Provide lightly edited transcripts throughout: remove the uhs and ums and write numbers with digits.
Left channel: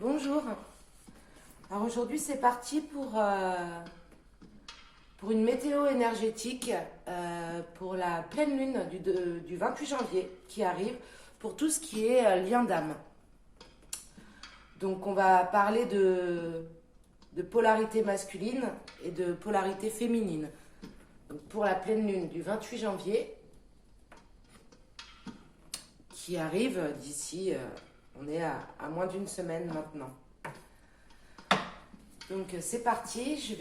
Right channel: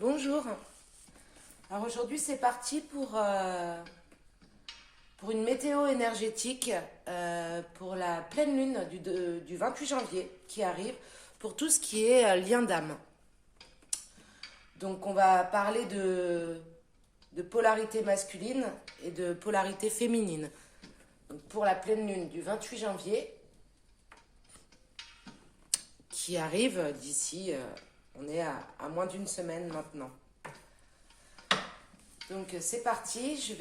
Bonjour. Alors aujourd'hui c'est parti pour une météo énergétique pour la pleine lune du 28 janvier qui arrive pour tout ce qui est lien d'âme. Donc on va parler de polarité masculine et de polarité féminine. Donc pour la pleine lune du 28 janvier qui arrive d'ici, on est à moins d'une semaine maintenant. Donc c'est parti,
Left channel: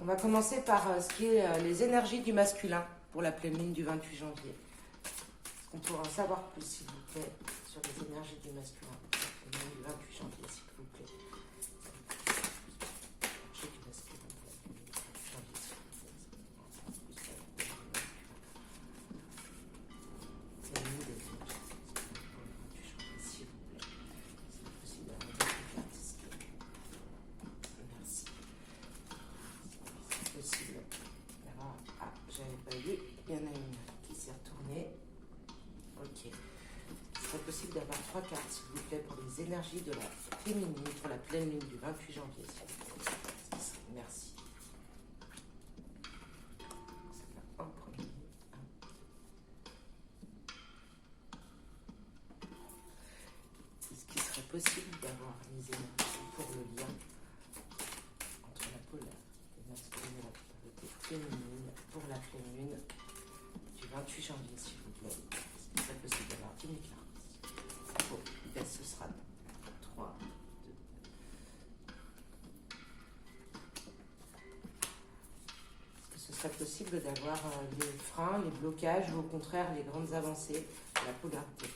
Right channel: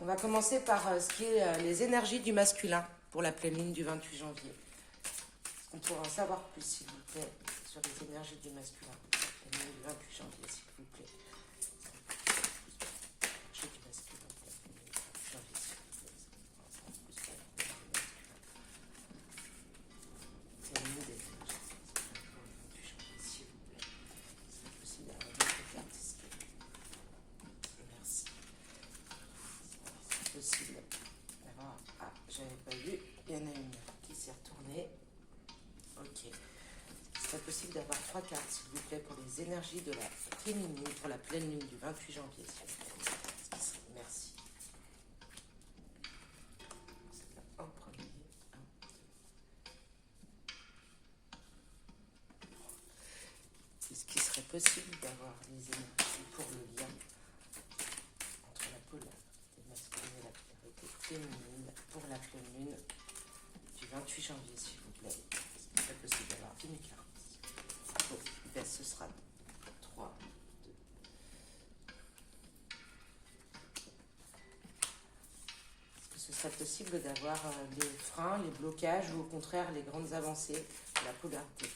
on va commencer par ce qui est les énergies du masculin pour la pleine lune du 28 janvier. Est-ce qu'on pourra en savoir plus, s'il vous plaît, sur les énergies du masculin pour la pleine lune du 28 janvier, s'il vous plaît. Énergie du masculin pour la pleine lune du 28 janvier, s'il vous plaît. Donnez-nous des énergies du masculin pour le 28 janvier, s'il vous plaît. C'est possible d'avoir une autre carte ici. Merci. C'est possible d'avoir... Ah, j'avais pas vu. Il y en a une qui s'est retournée. Ok. Ce serait possible d'avoir 3 cartes, s'il vous plaît, pour les énergies de la féminine, pour la pleine lune du 28 janvier, s'il vous plaît. Merci. En premier. Est-ce qu'il serait possible d'avoir les énergies pour le lien entre la polarité masculine et la polarité féminine pour la pleine lune du 28 janvier, s'il vous plaît? Est-ce qu'il serait possible d'avoir une carte? Bon, ben, ce sera 3, 2. Est-ce que ce serait possible d'avoir les freins, les blocages ou au contraire les grandes avancées de la polarité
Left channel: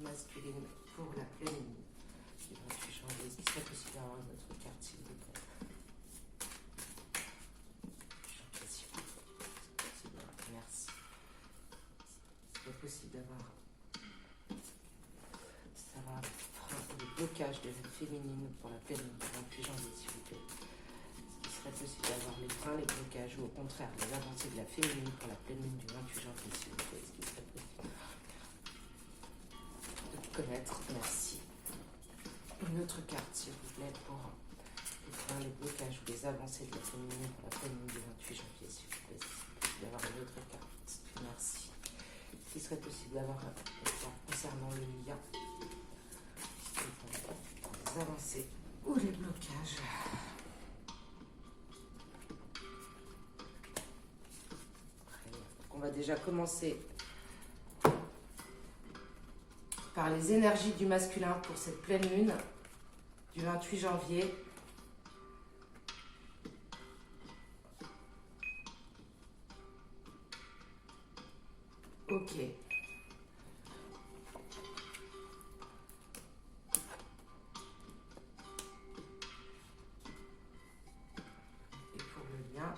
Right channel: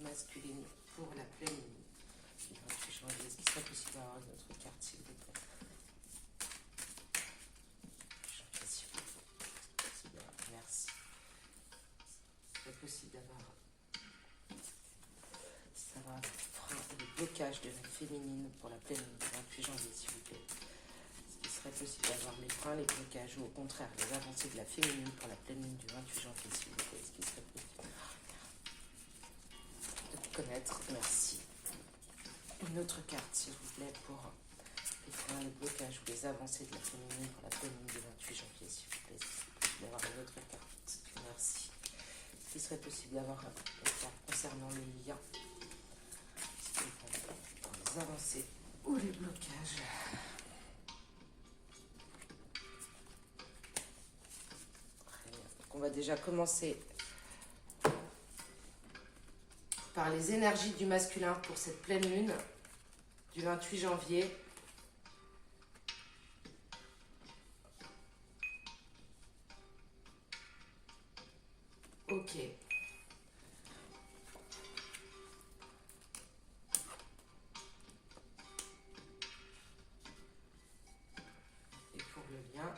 masculine pour la pleine lune du 28 janvier? Est-ce qu'il serait possible d'avoir une autre carte, s'il vous plaît? Merci. C'est possible d'avoir frein et les blocages de la féminine pour la pleine lune du 28 janvier, s'il vous plaît. Est-ce qu'il serait possible d'avoir les freins, les blocages ou au contraire les avancées de la féminine pour la pleine lune du 28 janvier, s'il vous plaît? Est-ce qu'il serait possible de connaître? Merci. Une autre carte, s'il vous plaît, pour les freins, les blocages ou les avancées de la féminine pour la pleine lune du 28 janvier, s'il vous plaît. Est-ce qu'il peut y avoir une autre carte? Merci. Est-ce qu'il serait possible d'avoir une carte concernant le lien? Les avancées ou les blocages? Donc on va déjà commencer par les énergies du masculin pour cette pleine lune du 28 janvier. Ok. Et pour le lien,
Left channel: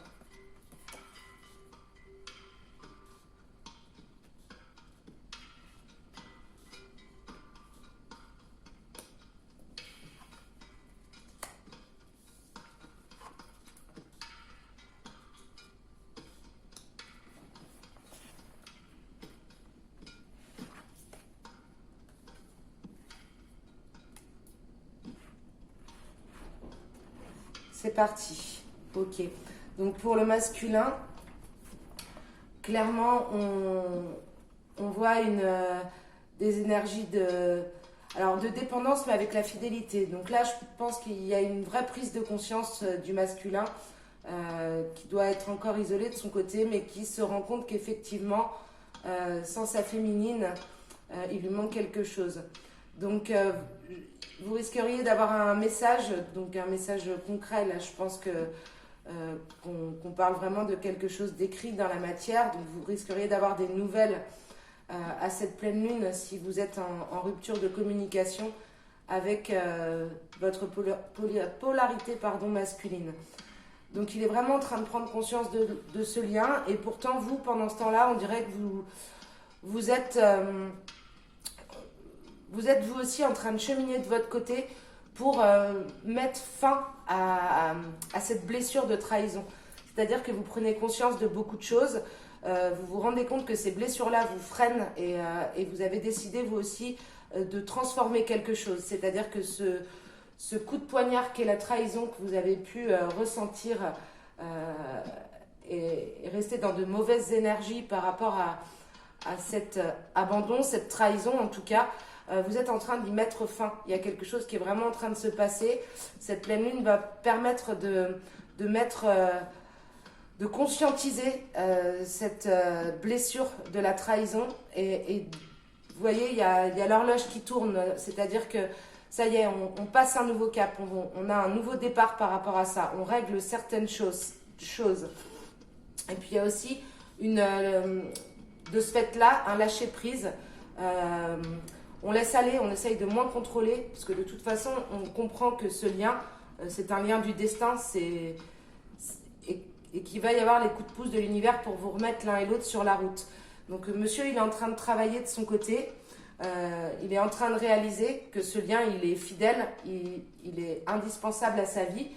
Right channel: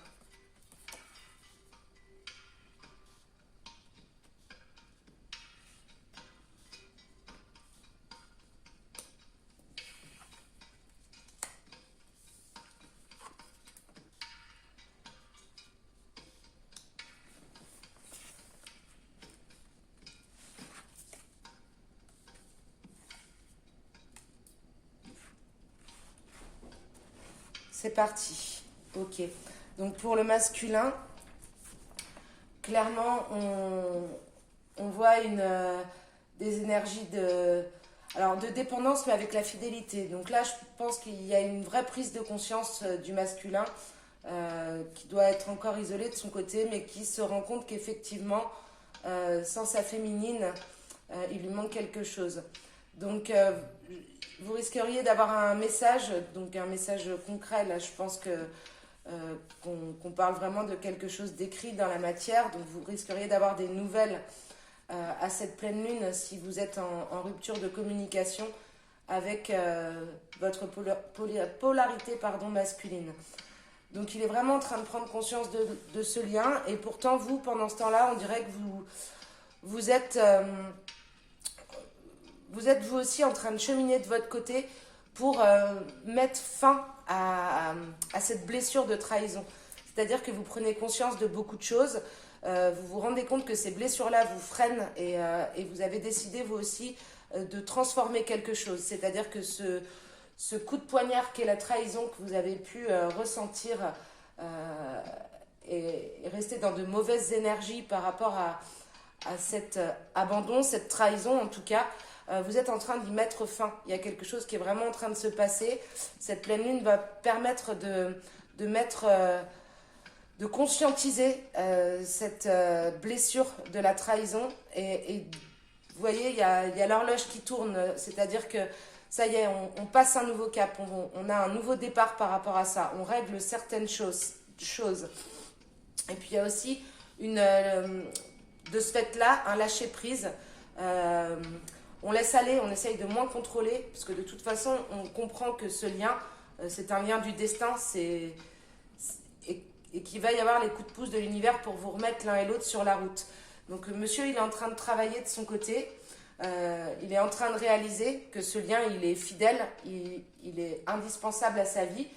c'est parti. Ok. Donc pour le masculin, clairement, on voit des énergies de dépendance, mais avec la fidélité. Donc là, je pense qu'il y a une vraie prise de conscience du masculin qui doit être encore isolé de son côté, mais qui se rend compte qu'effectivement, sans sa féminine, il lui manque quelque chose. Donc, vous risqueriez d'avoir un message, donc un message concret. Là, je pense qu'on parle vraiment de quelque chose d'écrit dans la matière. Donc, vous risqueriez d'avoir des nouvelles à cette pleine lune si vous êtes en rupture de communication avec votre polarité masculine. Donc, il est vraiment en train de prendre conscience de ce lien. Et pourtant, vous, pendant ce temps-là, on dirait que vous êtes vous aussi en train de cheminer de votre côté pour mettre fin à cette blessure de trahison. C'est-à-dire que vous prenez conscience de beaucoup de choses, vous vous rendez compte que ces blessures-là vous freinent et vous avez décidé vous aussi de transformer quelque chose. C'est-à-dire que ce coup de poignard qu'est la trahison que vous avez pu ressentir et rester dans de mauvaises énergies par rapport à cet abandon, cette trahison en tout cas, vous êtes en train d'y mettre fin. Il y a quelque chose qui est vraiment en train de se passer. Cette pleine lune va permettre de conscientiser cette blessure de la trahison. Et vous voyez, il y a l'horloge qui tourne, c'est-à-dire que ça y est, on passe un nouveau cap, on a un nouveau départ par rapport à ça, on règle certaines choses. Et puis il y a aussi de ce fait-là, un lâcher-prise. On laisse aller, on essaye de moins contrôler, parce que de toute façon, on comprend que ce lien, c'est un lien du destin, et qu'il va y avoir les coups de pouce de l'univers pour vous remettre l'un et l'autre sur la route. Donc monsieur, il est en train de travailler de son côté, il est en train de réaliser que ce lien, il est fidèle, il est indispensable à sa vie,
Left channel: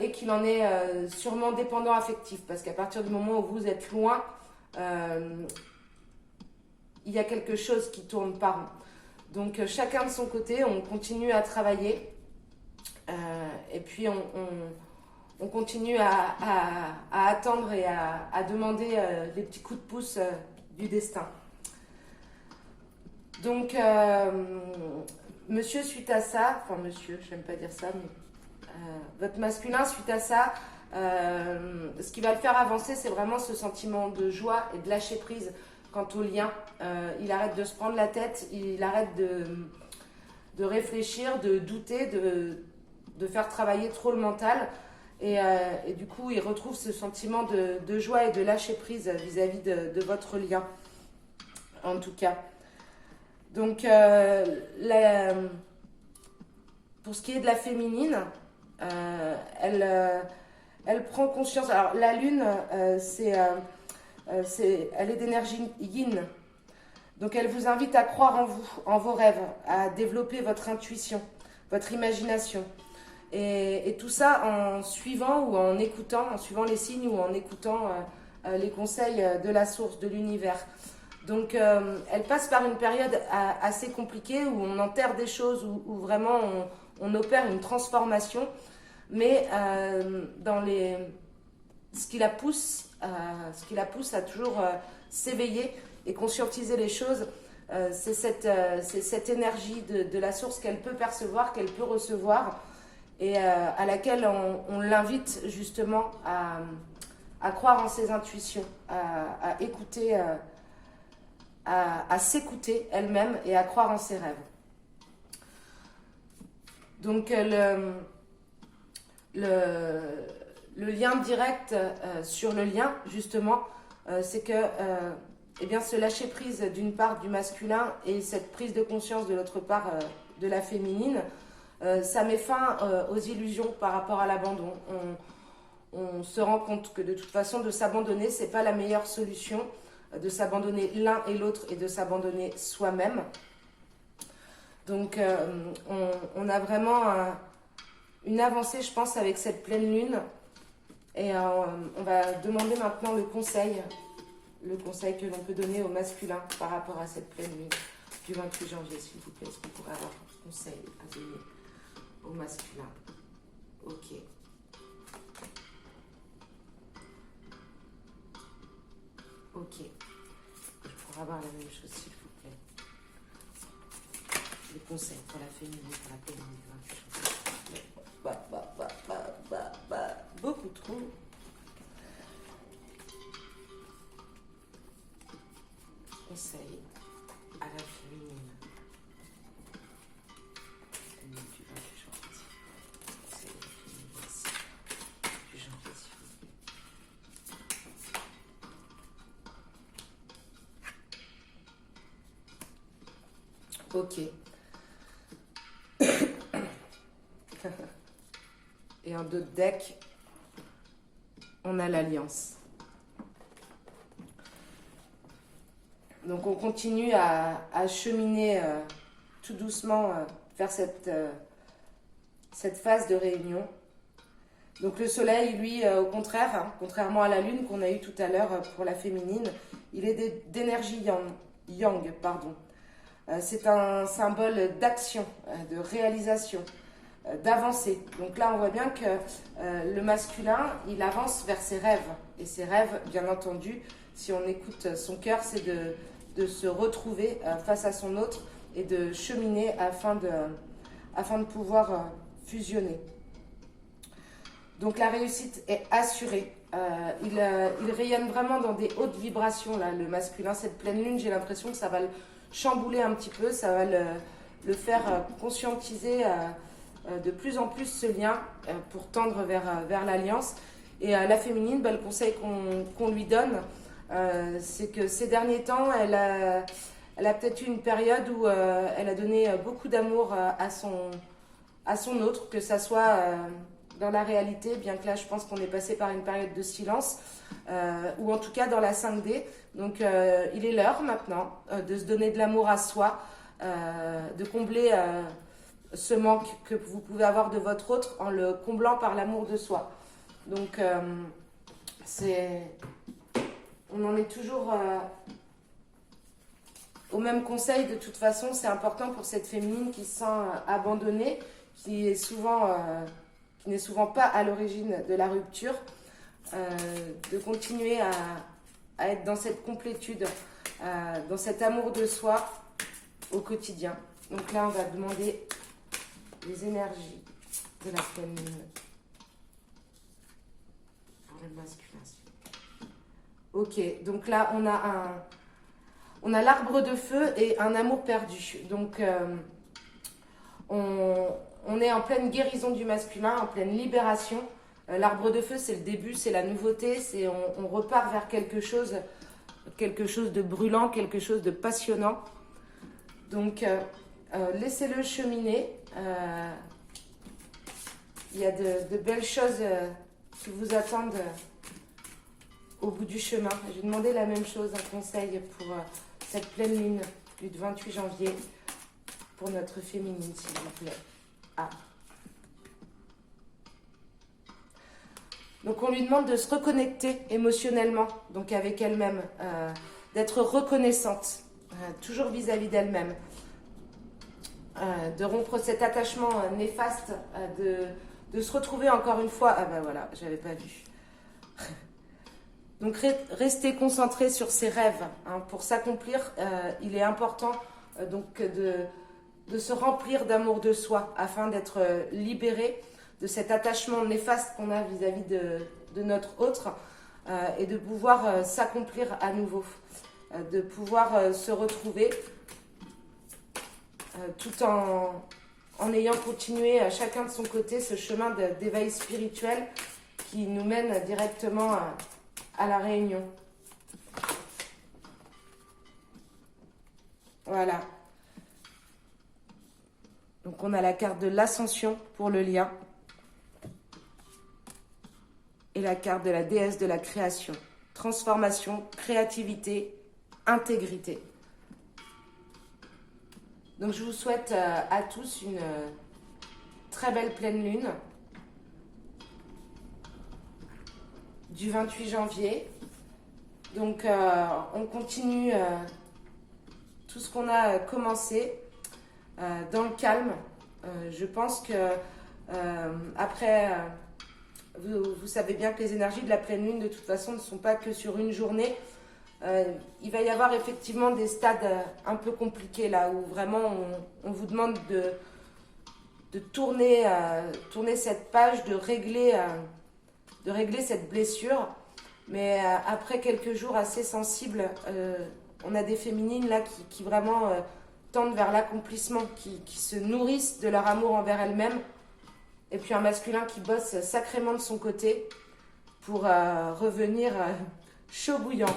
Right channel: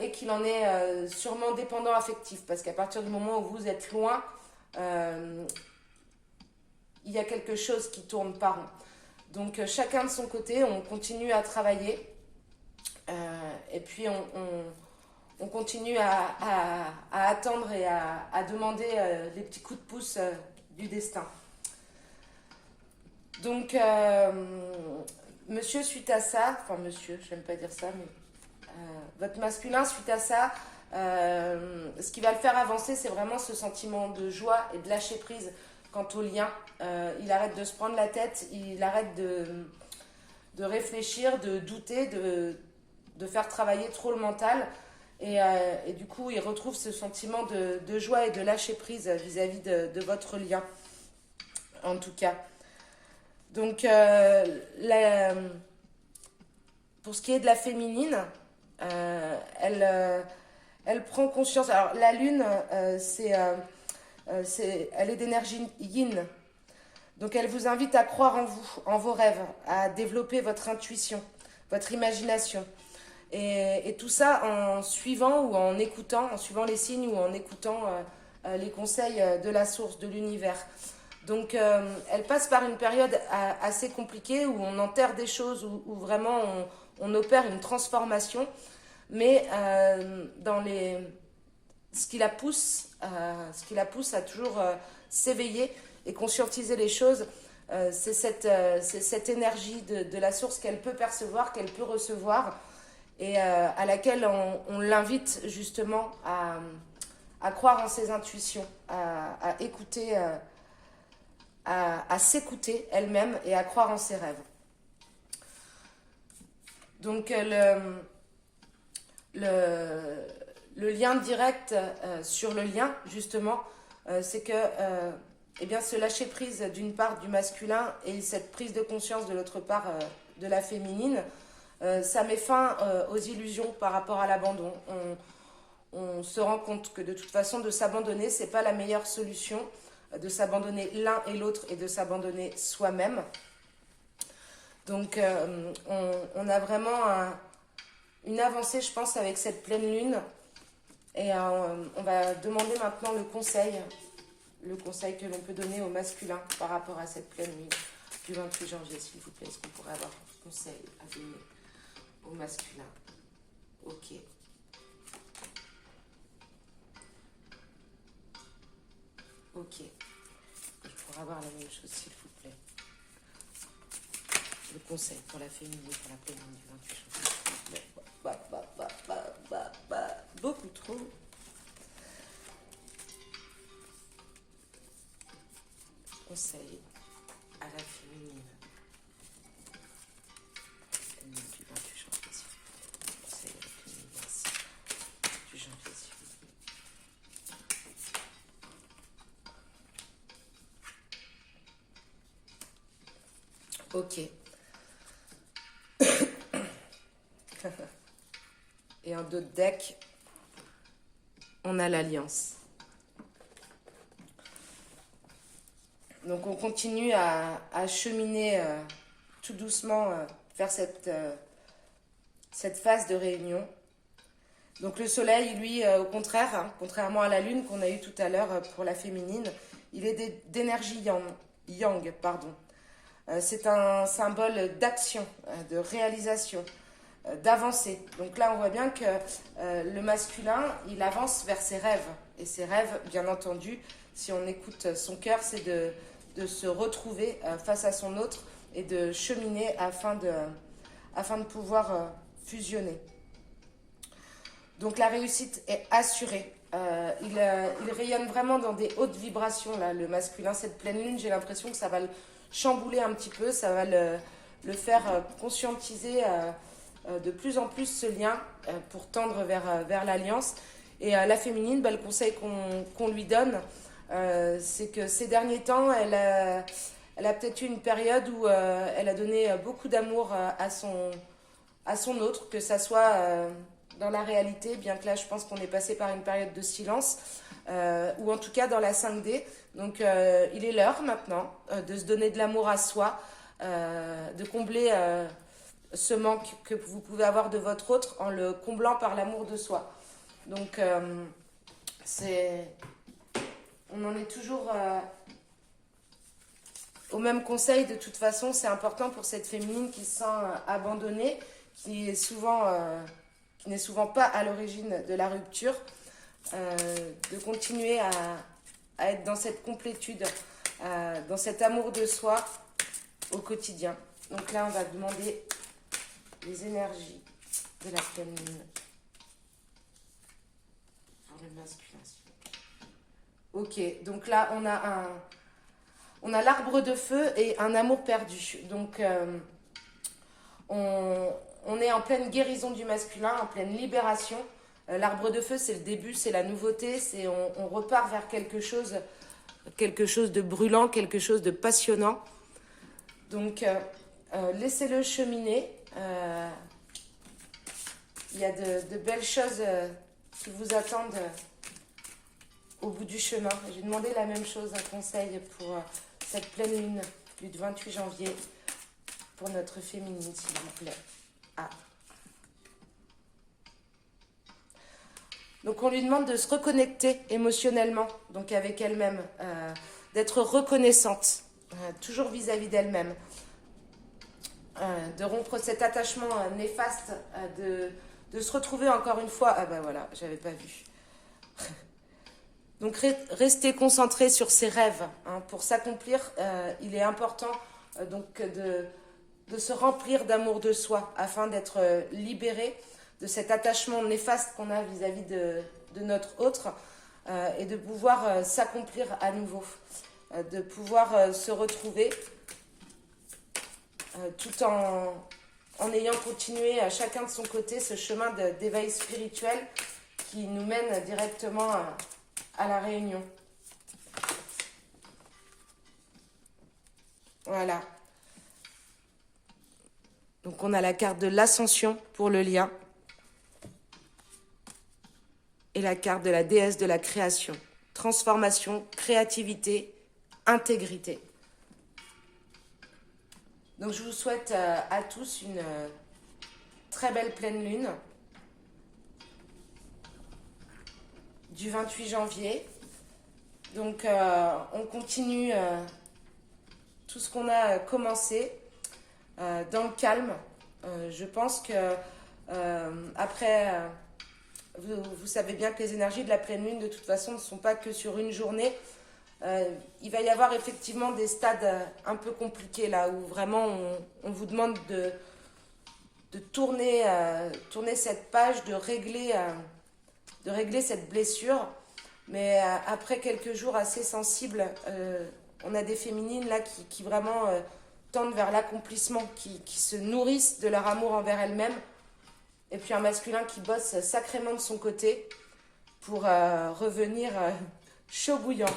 et qu'il en est sûrement dépendant affectif, parce qu'à partir du moment où vous êtes loin, il y a quelque chose qui tourne par rond. Donc chacun de son côté, on continue à travailler, et puis on continue à attendre et à demander les petits coups de pouce du destin. Donc monsieur, suite à ça, enfin monsieur, je n'aime pas dire ça, mais votre masculin, suite à ça, ce qui va le faire avancer, c'est vraiment ce sentiment de joie et de lâcher prise quant au lien. Il arrête de se prendre la tête, il arrête de réfléchir, de douter, de faire travailler trop le mental. Et du coup, il retrouve ce sentiment de joie et de lâcher prise vis-à-vis de votre lien, en tout cas. Donc, pour ce qui est de la féminine, elle prend conscience. Alors, la lune, elle est d'énergie yin. Donc, elle vous invite à croire en vous, en vos rêves, à développer votre intuition, votre imagination. Et tout ça en suivant ou en écoutant, en suivant les signes ou en écoutant les conseils de la source, de l'univers. Donc, elle passe par une période assez compliquée où on enterre des choses, où vraiment on opère une transformation. Mais ce qui la pousse à toujours s'éveiller et conscientiser les choses, c'est cette énergie de la source qu'elle peut percevoir, qu'elle peut recevoir, et à laquelle on l'invite justement à croire en ses intuitions, à écouter, à s'écouter elle-même et à croire en ses rêves. Donc le lien direct sur le lien, justement, c'est que eh bien, ce lâcher prise d'une part du masculin et cette prise de conscience de l'autre part de la féminine, ça met fin aux illusions par rapport à l'abandon. On se rend compte que de toute façon, de s'abandonner, c'est pas la meilleure solution, de s'abandonner l'un et l'autre et de s'abandonner soi-même. Donc, on a vraiment une avancée, je pense, avec cette pleine lune. Et on va demander maintenant le conseil que l'on peut donner au masculin par rapport à cette pleine lune du 28 janvier, s'il vous plaît. Est-ce qu'on pourrait avoir un conseil à donner au masculin? Ok. Ok. Je pourrais avoir la même chose, s'il vous plaît. Le conseil pour la féminine, pour la pleine lune du 28 janvier. Beaucoup trop. Conseil à la féminine. Du 28 janvier, s'il vous plaît. Conseil à la féminine, merci. Du janvier, s'il vous plaît. Ok. Et en d'autres decks, on a l'Alliance. Donc on continue à cheminer tout doucement vers cette phase de réunion. Donc le soleil, lui, au contraire, hein, contrairement à la lune qu'on a eue tout à l'heure pour la féminine, il est d'énergie yang, pardon. C'est un symbole d'action, de réalisation, d'avancée. Donc là, on voit bien que le masculin, il avance vers ses rêves. Et ses rêves, bien entendu, si on écoute son cœur, c'est de se retrouver face à son autre et de cheminer afin de pouvoir fusionner. Donc la réussite est assurée. Il rayonne vraiment dans des hautes vibrations, là, le masculin. Cette pleine lune, j'ai l'impression que ça va le chambouler un petit peu, ça va le faire conscientiser de plus en plus ce lien pour tendre vers l'alliance. Et la féminine, le conseil qu'on lui donne, c'est que ces derniers temps, elle a peut-être eu une période où elle a donné beaucoup d'amour à son autre, que ça soit dans la réalité, bien que là je pense qu'on est passé par une période de silence, ou en tout cas dans la 5D. Donc il est l'heure maintenant de se donner de l'amour à soi, de combler ce manque que vous pouvez avoir de votre autre en le comblant par l'amour de soi. Donc on en est toujours au même conseil. De toute façon, c'est important pour cette féminine qui se sent abandonnée, qui n'est souvent pas à l'origine de la rupture, de continuer à être dans cette complétude, dans cet amour de soi au quotidien. Donc là, on va demander les énergies de la pleine lune pour le masculin. Ok, donc là, on a l'arbre de feu et un amour perdu. Donc, on est en pleine guérison du masculin, en pleine libération. L'arbre de feu, c'est le début, c'est la nouveauté, on repart vers quelque chose de brûlant, quelque chose de passionnant. Donc, laissez-le cheminer. Il y a de belles choses qui vous attendent au bout du chemin. J'ai demandé la même chose, un conseil pour cette pleine lune du 28 janvier pour notre féminine, s'il vous plaît. Ah. Donc on lui demande de se reconnecter émotionnellement, donc avec elle-même, d'être reconnaissante, toujours vis-à-vis d'elle-même, de rompre cet attachement néfaste, de se retrouver encore une fois. Ah ben voilà, j'avais pas vu. Donc rester concentré sur ses rêves. Pour s'accomplir, il est important donc de se remplir d'amour de soi afin d'être libéré de cet attachement néfaste qu'on a vis-à-vis de notre autre et de pouvoir s'accomplir à nouveau, de pouvoir se retrouver tout en ayant continué chacun de son côté ce chemin d'éveil spirituel qui nous mène directement à la réunion. Voilà. Donc on a la carte de l'ascension pour le lien et la carte de la déesse de la création. Transformation, créativité, intégrité. Donc je vous souhaite à tous une très belle pleine lune du 28 janvier. Donc on continue tout ce qu'on a commencé dans le calme. Je pense que après, vous savez bien que les énergies de la pleine lune de toute façon ne sont pas que sur une journée. Il va y avoir effectivement des stades un peu compliqués là où vraiment on vous demande de tourner cette page, de régler cette blessure. Mais après quelques jours assez sensibles, on a des féminines là qui vraiment tendent vers l'accomplissement, qui se nourrissent de leur amour envers elles-mêmes. Et puis un masculin qui bosse sacrément de son côté pour revenir chaud bouillant.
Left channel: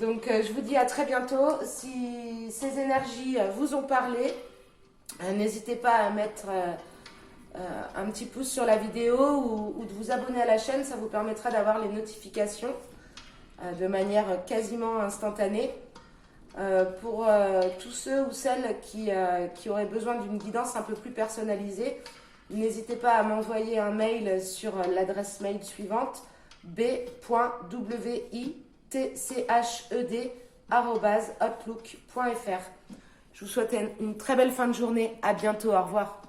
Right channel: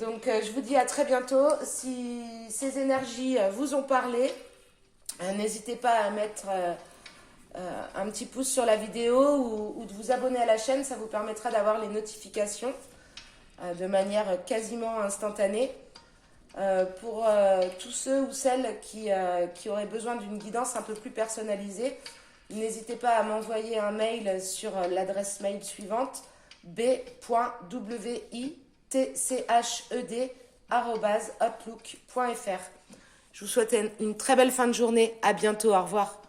Donc je vous dis à très bientôt. Si ces énergies vous ont parlé, n'hésitez pas à mettre un petit pouce sur la vidéo ou de vous abonner à la chaîne. Ça vous permettra d'avoir les notifications de manière quasiment instantanée. Pour tous ceux ou celles qui auraient besoin d'une guidance un peu plus personnalisée, n'hésitez pas à m'envoyer un mail sur l'adresse mail suivante b.witched@outlook.fr. Je vous souhaite une très belle fin de journée. À bientôt. Au revoir.